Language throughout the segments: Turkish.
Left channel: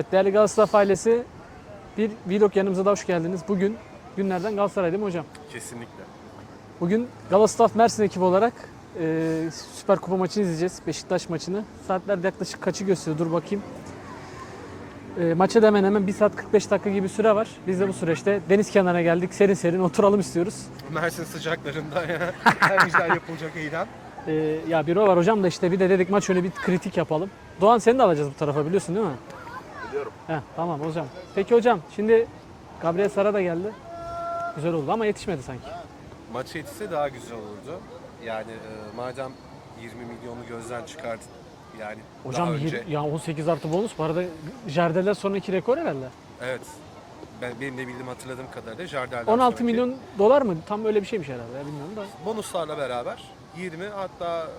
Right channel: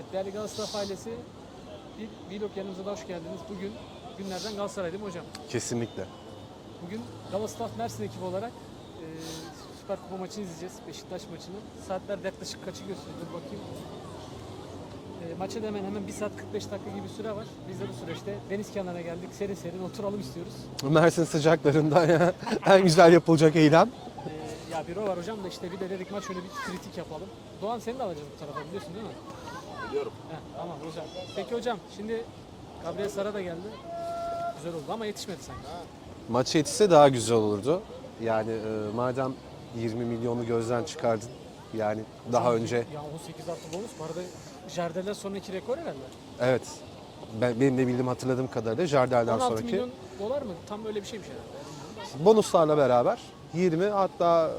Evet değerli Galatasaray ailesi bir vlog yanımıza da hoş geldiniz. Bugün günlerden Galatasaray değil mi hocam? Kesinlikle. Bugün Galatasaray Mersin ekibi olarak e, Süper Kupa maçını izleyeceğiz. Beşiktaş maçını. Saatler yaklaşık kaçı gösteriyor dur bakayım. E, maça da hemen hemen 1 saat 45 dakika gibi süre var. Biz de bu süreçte deniz kenarına geldik. Serin serin oturalım istiyoruz. Mersin sıcaklarında ya en güzel yapılacak eylem. E, ya bir o var hocam da işte bir de dedik maç önü bir kritik yapalım. Doğan seni de alacağız bu tarafa biliyorsun değil mi? Biliyorum. Heh, tamam hocam. Peki hocam şimdi Gabriel Sara da geldi. Güzel oldu ama yetişmedi sanki. Maç yetişse daha güzel olurdu. Yani e, madem 20 milyonu gözden çıkardın yani Hocam daha önce ya 18 artı bonus bu arada Jardel'den sonraki rekor herhalde. evet ben benim de bildiğim hatırladığım kadarıyla Jardel'den 16 sonraki milyon dolar mı? Tam öyle bir şeymiş herhalde. ya, Bilmiyorum da. bonuslarla beraber 20 hatta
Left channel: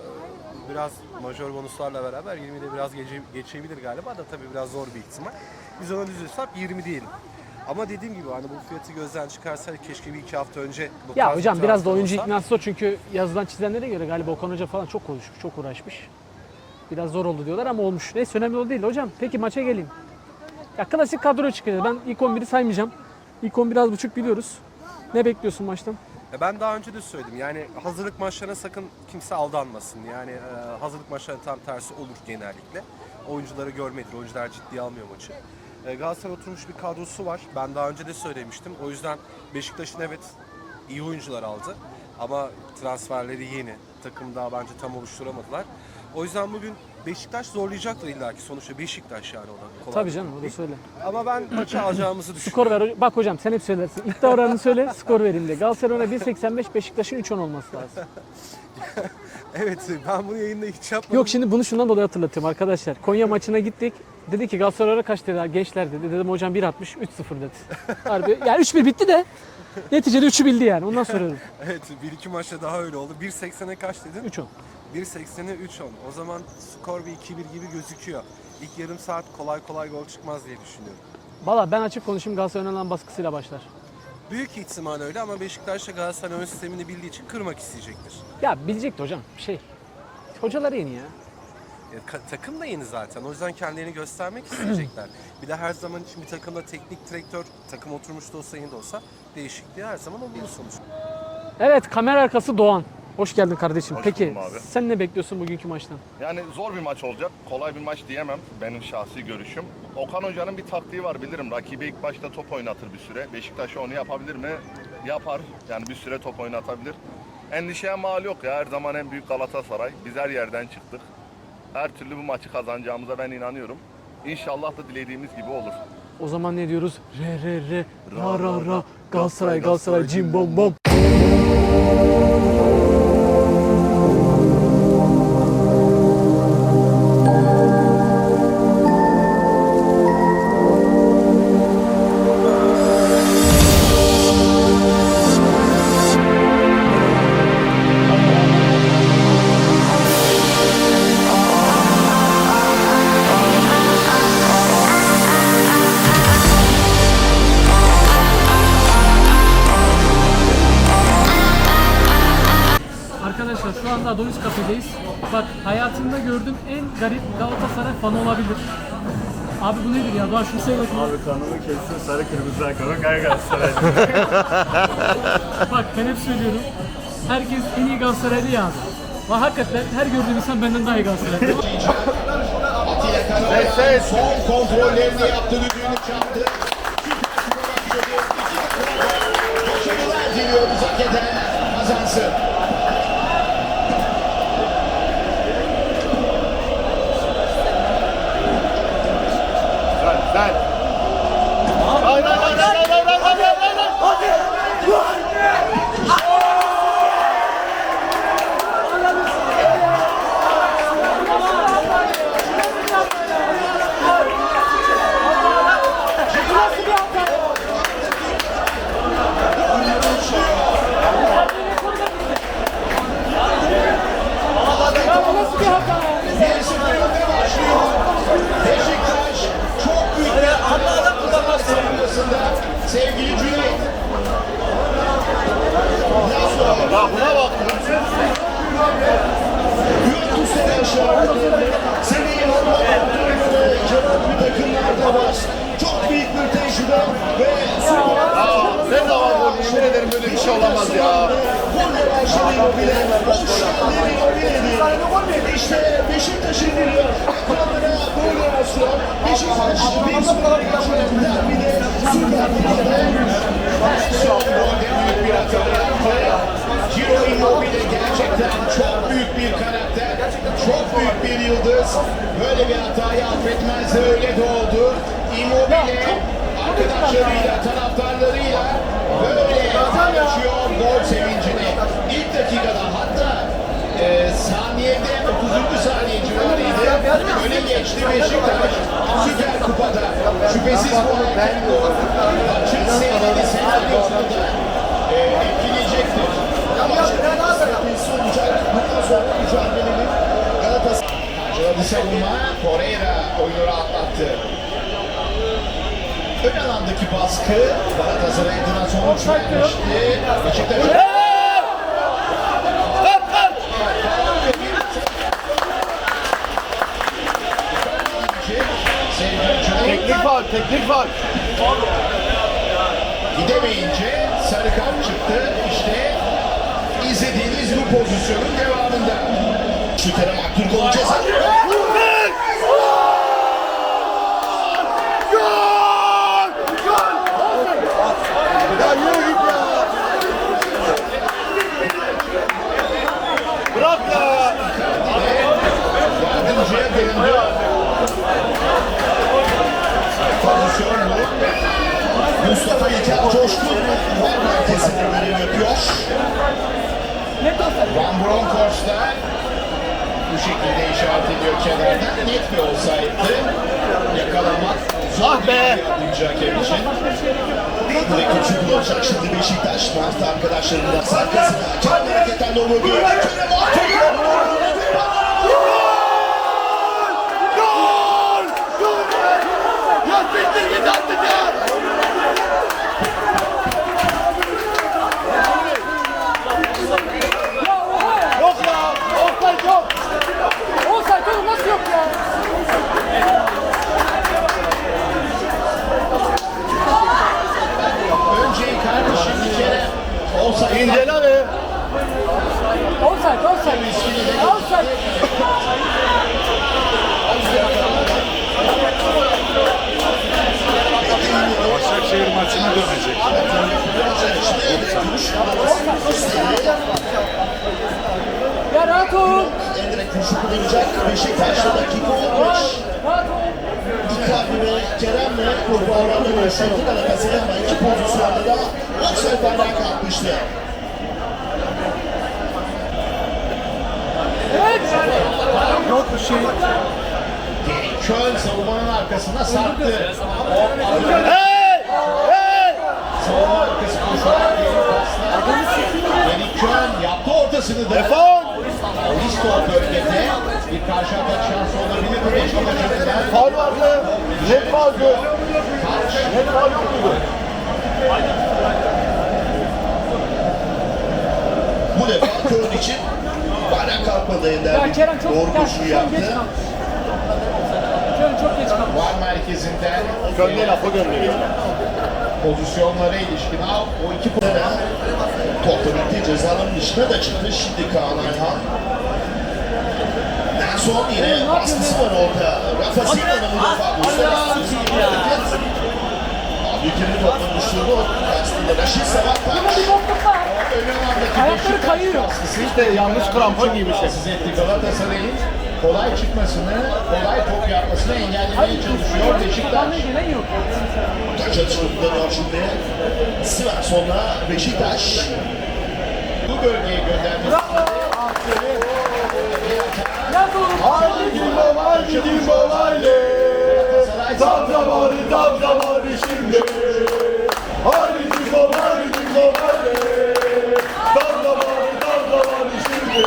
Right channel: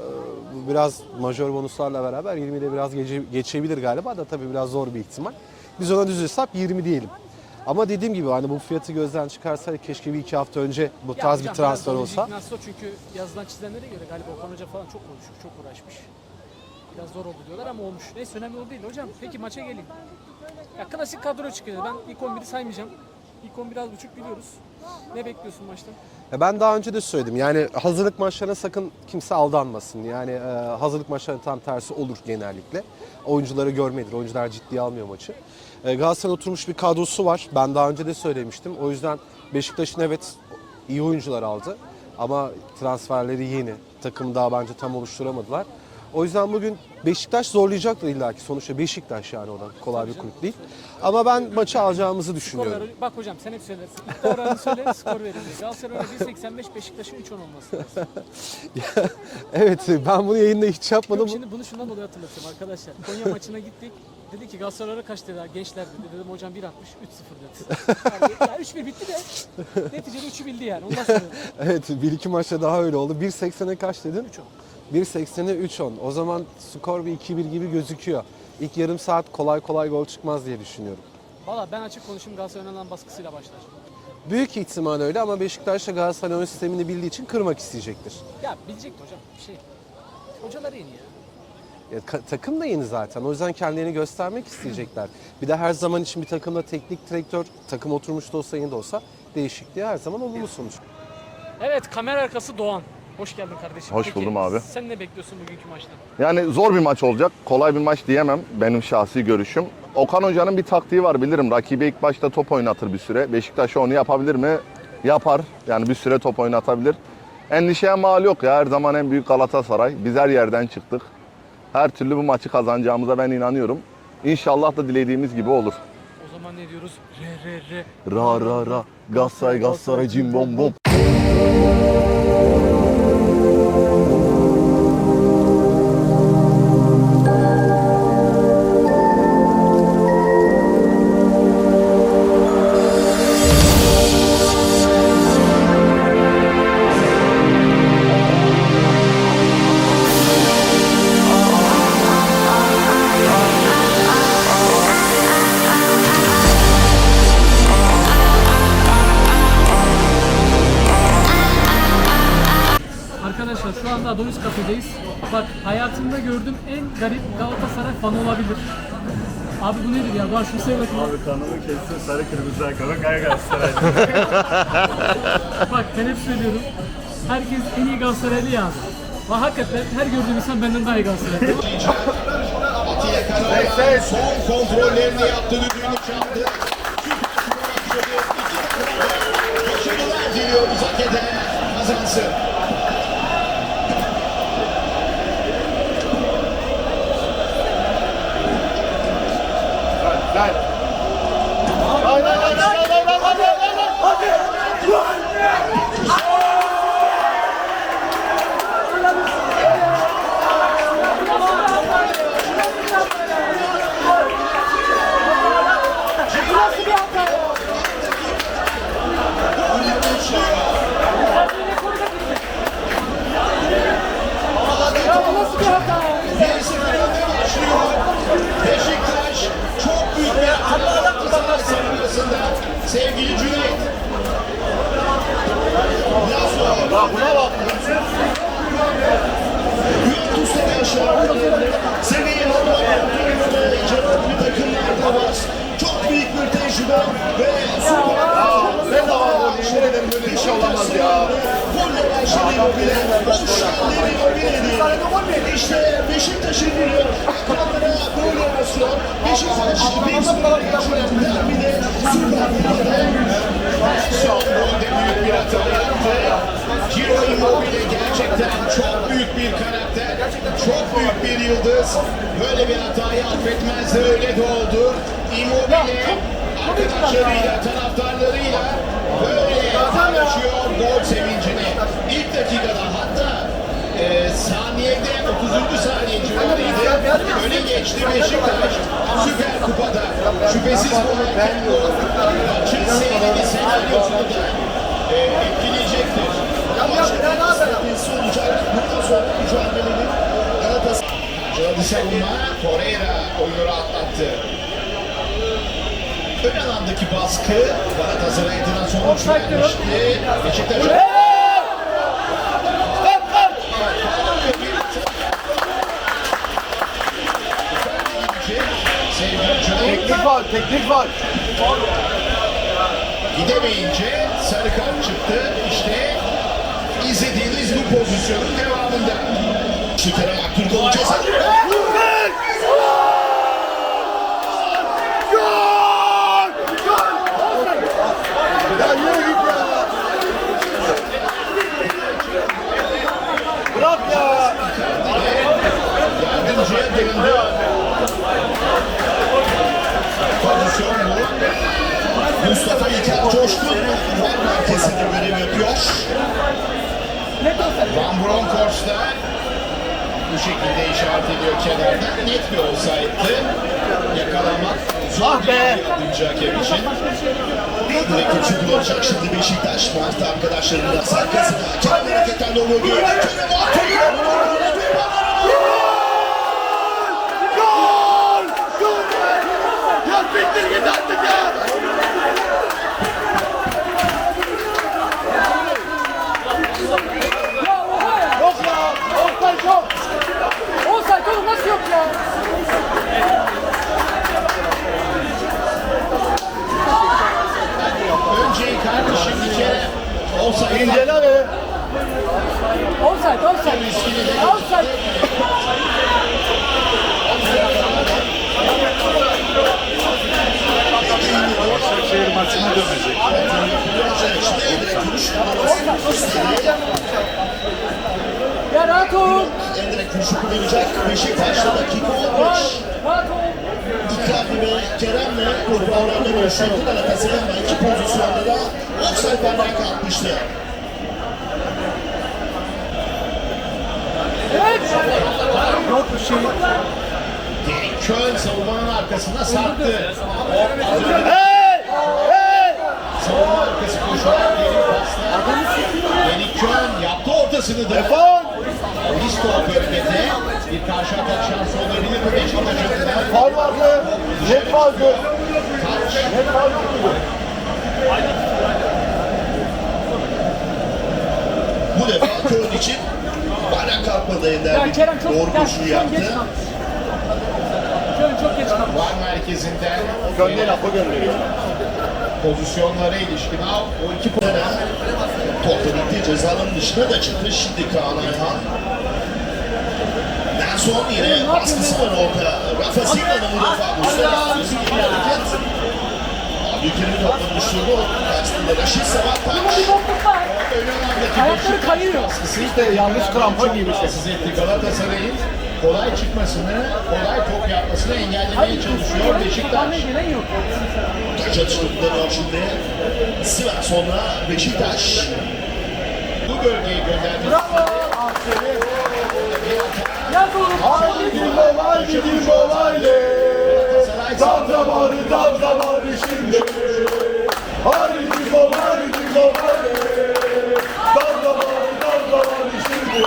biraz majör bonuslarla beraber 20'de biraz gece, geçebilir galiba da tabii biraz zor bir ihtimal. Biz ona düz hesap 20 diyelim. Ama dediğim gibi hani bu fiyatı gözden çıkarsaydık keşke bir iki hafta önce bu Ya tarz hocam bir biraz da transfer oyuncu olsa. iknası o çünkü yazılan çizenlere göre galiba Okan Hoca falan çok konuşmuş, çok uğraşmış. Biraz zor oldu diyorlar ama olmuş. Neyse önemli o değil hocam. Peki maça geleyim. Ya klasik kadro çıkacağız. Ben ilk 11'i saymayacağım. İlk 11 az buçuk biliyoruz. Ne bekliyorsun maçtan? Ben daha önce de söyledim. Yani hazırlık maçlarına sakın kimse aldanmasın. Yani e, hazırlık maçları tam tersi olur genellikle. Oyuncuları görmedir. Oyuncular ciddiye almıyor maçı. E, Galatasaray oturmuş bir kadrosu var. Ben daha önce de söylemiştim. O yüzden Beşiktaş'ın evet iyi oyuncular aldı. Ama transferleri yeni. Takım daha bence tam oluşturamadılar. O yüzden bugün Beşiktaş zorlayacaktır illaki. Sonuçta Beşiktaş yani ona kolay Tabii canım onu değil. söyle. Ama ben maçı alacağımızı Skor düşünüyorum. ver. Bak hocam sen hep söylersin. İddia oranını söyle, skor verin de. Galatasaray ona 1.85, Beşiktaş'ın 3.10 olması lazım. Evet ben bunu yayında hiç yapmadım. Yok şimdi bunu şundan dolayı hatırlatıyorum arkadaşlar. Konya maçına gittik. Dedi ki Galatasaray'a kaç dediler gençler dedi. Dedim hocam 1.60 3-0 dedi. Harbi. Yani 3-1 bitti de neticede 3'ü bildi yani. Ondan sonra. Evet bir iki maçta daha öyle oldu. 1.80'e kaç dedin? 3-10. 1.80'e 3.10. O zaman skor bir 2-1 gibi gözüküyor. İlk yarım saat kolay kolay gol çıkmaz diye düşünüyorum. Valla ben açık konuşayım Galatasaray'ın alan baskısıyla başlar. Büyük ihtimal öyle ama Beşiktaş da Galatasaray oyun sistemini bildiği için kırmak isteyecektir. Ya bilecekti hocam bir şey. Hocaları yeni ya. Ya, takım da yeni zaten. O yüzden kendilerini göstermek isteyecekler. bir de her zaman için bir takımda teknik direktör, takım oturmuş da olsa yeni de olsa değişikliği her zaman olumlu sonuç. Evet kamera arkası Doğan. Hoş geldin kardeşim. Hoş Peki buldum abi. sen ne bekliyorsun bugünkü maçtan? Yani zor bir maç olacak. Kolay bir maç diyemem benim şahsi görüşüm. Okan Hoca'nın bir taktiği var bilirim. Rakibi ilk başta top oynatır bir süre. Beşiktaş'a onu yapabilir mi? Yapar. Yani bir süre top oynatabilir. Endişeye mal yok ya. Her zaman en büyük Galatasaray. Biz her yerden çıktık. Her türlü bu maçı kazanacağımıza ben inanıyorum. İnşallah da dilediğimiz gibi olur. O zaman ne diyoruz? Re re re. Ra ra ra. Galatasaray Galatasaray cim bom bom. Arkadaşlar şu anda Adonis Kafe'deyiz. Bak hayatımda gördüğüm en garip Galatasaray fanı olabilir. Abi bu nedir ya? Doğan şunu söyle bakayım. Abi kanımı kessin sarı kırmızı ayakkabı Gaya Galatasaray. Bak ben hep söylüyorum. Herkes en iyi Galatasaraylı yaz. Ve hakikaten her gördüğüm insan benden daha iyi Galatasaraylı. Son kontrollerini yaptı düdüğünü çaldı. Geliyor uzak eden kazansın. Gerçekten çok büyük bir karakter, çok büyük bir yıldız. Böyle bir hatayı affetmez öyle de oldu. Immobile arkadaşlarıyla, taraftarlarıyla böyle paylaşıyor gol sevincini. İlk dakikada hatta e, saniyede 30. saniye civarıydı. Öne geçti Beşiktaş Süper Kupa'da. Şüphesiz bu ben maçın seyrini senaryosunu e, etkileyecektir. Ama sıkıntısı olacak. Bundan sonra mücadelenin Galatasaray. Acıladı savunma. Torreira oyunu rahatlattı. Ön alandaki baskı Galatasaray'dan sonuç vermişti. Beşiktaş Teknik var, teknik var. Gidemeyince sarı kart çıktı. İşte izlediğiniz bu pozisyonun devamında. Şu tarafa Abdülkadir ceza. Mustafa İlker coştu. Herkese görev yapıyor. Van Bronckhorst'la bu şekilde işaret ediyor kenardan. Net bir olsaydı yakalamak zor be. yapınca hakem için. Ve kötü kullanacak şimdi Beşiktaş. Mert arkadaşlarının arkasına. Kendi hareketlerle onu görüyor. Kerem Aktürkoğlu. Ya oha ya. Yok ya. Offside yok. Offside oğlum nasıl yok ya? Önce kardeşim bir kere olsaydı. İncele be. Offside, offside. Offside. Başakşehir maçına dönecek. Ya rahat ol. Emre kurşu kullanacak. Beşiktaş'ta dakika 15. Rahat, rahat ol. Icardi ve Kerem'le yaşadı. Galatasaray'ın iki pozisyonda da offside'lerden kalkmıştı. Evet. Köln savunmanın arkasına sarktı. Savunma arkası koşular geri pasta. Yeni Köln yaptı ortasını da. Defol! Risto bölgede bir karşı atak şansı olabilir Beşiktaş adına? Faul vardı. Yoktu. Bu defa Köln için bana kalkmadı Ender. Ya Kerem çok Doğru ya, koşuyu şu an geç yaptı. kalmış. Kerem çok geç kalmış. Var merkezinden Gönde lafı gönderiyor. pozisyonlara ilişkin al. O iki puanı topla birlikte cezanın dışına da çıktı. Şimdi Kaan Ayhan. En son yine baskısı var orada. Rafa Silva'nın bu defa Mustafa Ülkenin topla düşürdü. Karşısında Raşit Sabahtay. Bunda bir bokluk var. Ayakları kayıyor. Siz de yanlış krampon giymişsiniz. Galatasaray'ın kolay çıkmasını, kolay top yapmasını engellemeye çalışıyor Beşiktaş. Atışlarından şimdi sıra sonra Beşiktaş bu bölgeye gönderdi. Bravo. Ya doğru. Haydi Dimbo, haydi Dimbo, haydi. Tam zamanı, tam zamanı şimdi. Haydi Dimbo, haydi Dimbo, haydi. Tam zamanı, tam zamanı şimdi.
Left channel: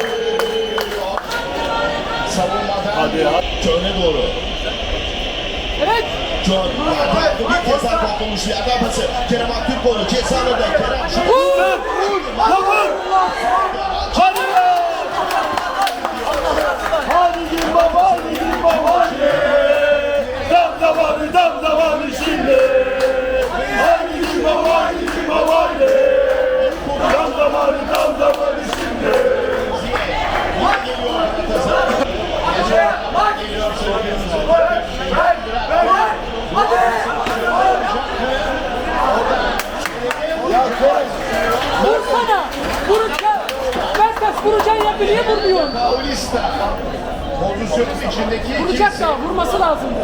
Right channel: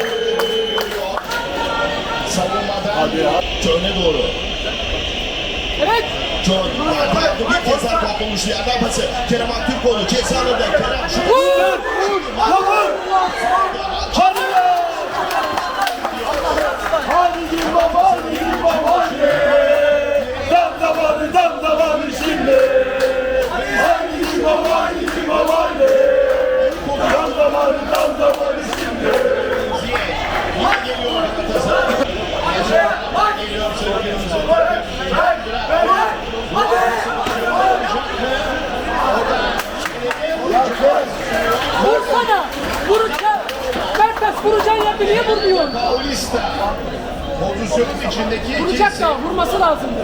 Hadi ya. Köln'e doğru. Evet. Köln bir kez daha patlamış yerden pası. Kerem Aktürkoğlu ceza orada. Kerem şut. Vur! Vur! Hadi be! Hadi Dimbo, haydi Dimbo, haydi. Tam zamanı, içindeki Vuracak da vurması lazımdı.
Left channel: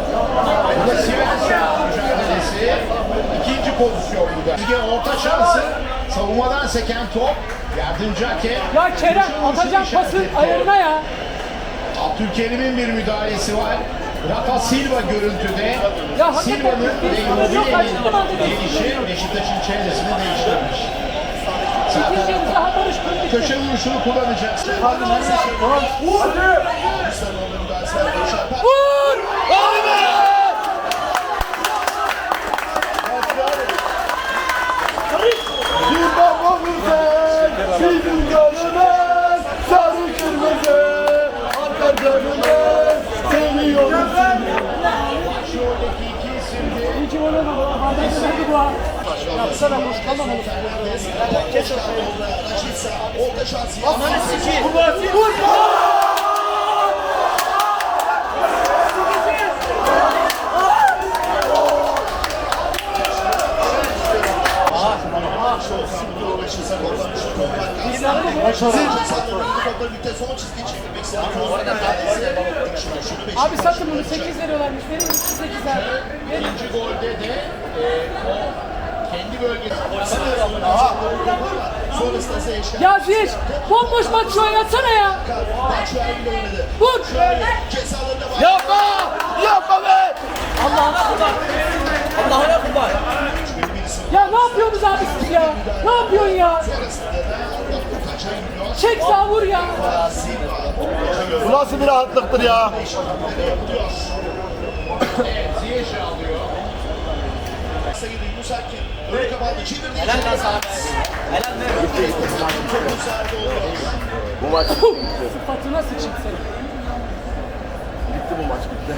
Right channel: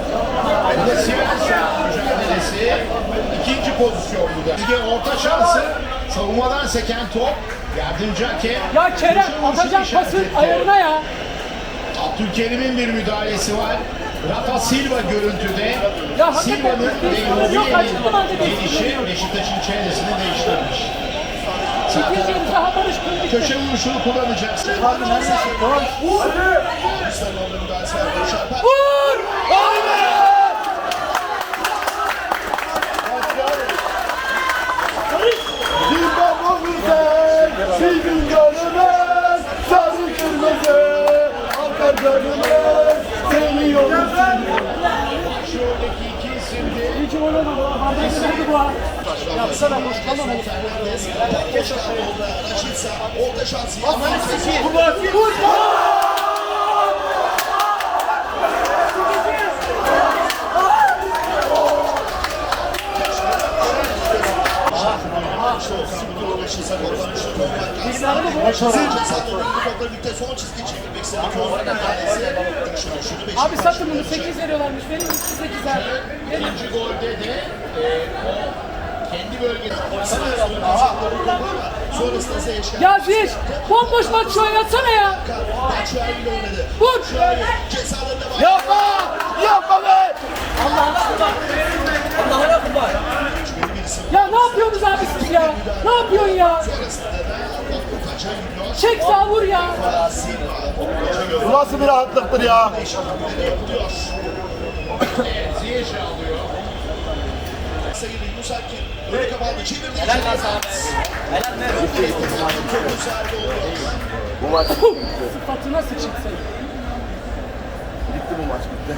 İkinci pozisyon burada. Lige orta şansı savunmadan seken top. Yardımcı hakem. Ya Kerem atacak pasın ayarına ya. Abdülkerim'in bir müdahalesi var. Rafa Silva görüntüde. Ya hakikaten Silva'nın bir yok, halde bir. Beşiktaş'ın çevresini değiştirmiş. İkinci daha Barış Kulübü. Köşe vuruşunu kullanacak. Vur! Bizim gönlümüz sarı kırmızı gönlümüz seviyoruz İki gol olmadı. Bardak sürüldü bu ha. Yapsana boş kalmam oğlum. Abi satın bunu 8 veriyorlarmış. Verin 8 abi. Verin. İkinci golde de Ya Ziyech bomboş maç şu oynatsana ya. Vur. Yapma! Yapma be! Ya ne yapıyorsunuz abi siz ya? Ne yapıyorsun ya? Çek sağ vur ya. Bu nasıl bir rahatlıktır ya? Sayın Musaki. Böyle kapandı. Çevirdi. Bu maç Sıfatına sıçayım seni. bitti bu maç bitti.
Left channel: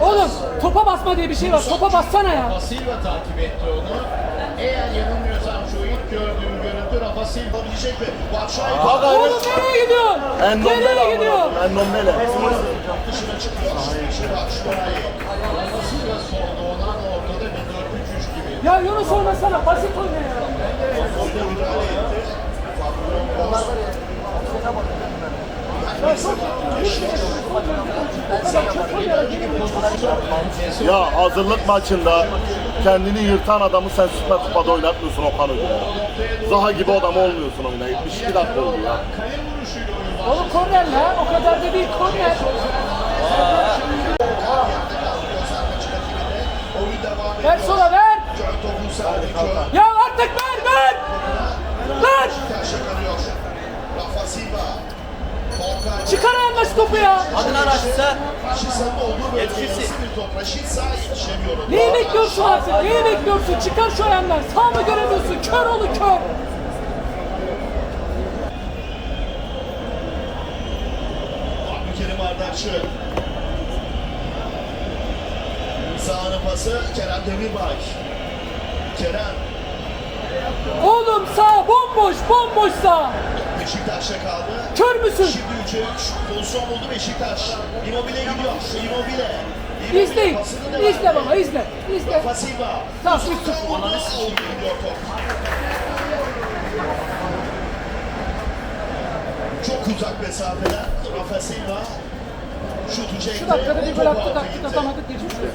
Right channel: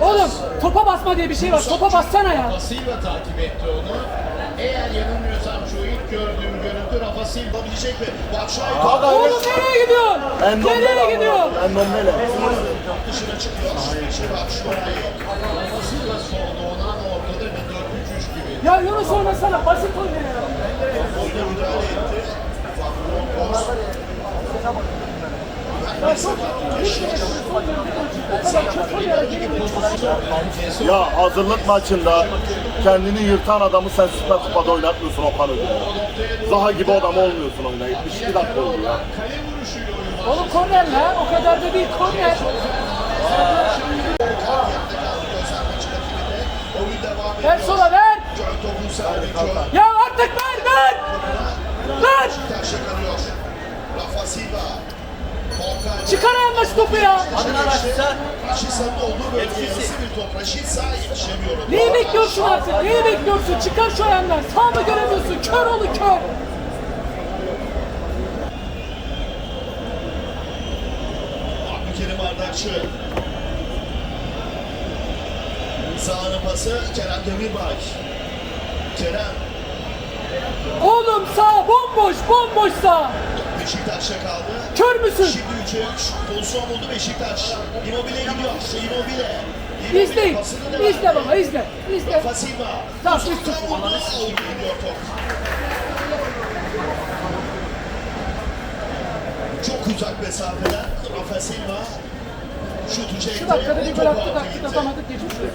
Oğlum topa basma diye bir şey var. Topa bassana ya. Silva takip etti onu. Eğer yanılmıyorsam şu ilk gördüğüm görüntü Rafa Silva bilecek mi? Batshuayi Oğlum nereye gidiyorsun? Nereye gidiyorsun? Endombele. dışına çıkıyor. Ya Yunus oynasana. Basit oyna ya. Ya çok Ya hazırlık maçında kendini yırtan adamı sen Süper Kupa'da oynatmıyorsun Okan Hoca ya. Zaha gibi adam olmuyorsun onunla. 72 dakika oldu ya. Oğlum korner la. O kadar da değil korner. Ver sola ver. Ya artık ver ver. Ver. Çıkar ayağından şu topu ya. Neyi bekliyorsun artık? Neyi bekliyorsun? Çıkar şu ayağından. Sağ mı göremiyorsun? Kör oğlu kör. Abdülkerim Ardakçı. Sağına pası Kerem Demirbay. Oğlum sağ bomboş bomboş sağ. Beşiktaş'ta kaldı. Kör müsün? Şimdi 3'e 3 pozisyon buldu Beşiktaş. Immobile gidiyor. Immobile. İzleyin. İzle baba izle. İzle. Tamam 3 0 Nasıl gidiyor top? Çok uzak mesafeden Rafa Silva. Şutu çekti. Şu dakikada bir gol attık gidiyor. atamadık geçmiş olsun.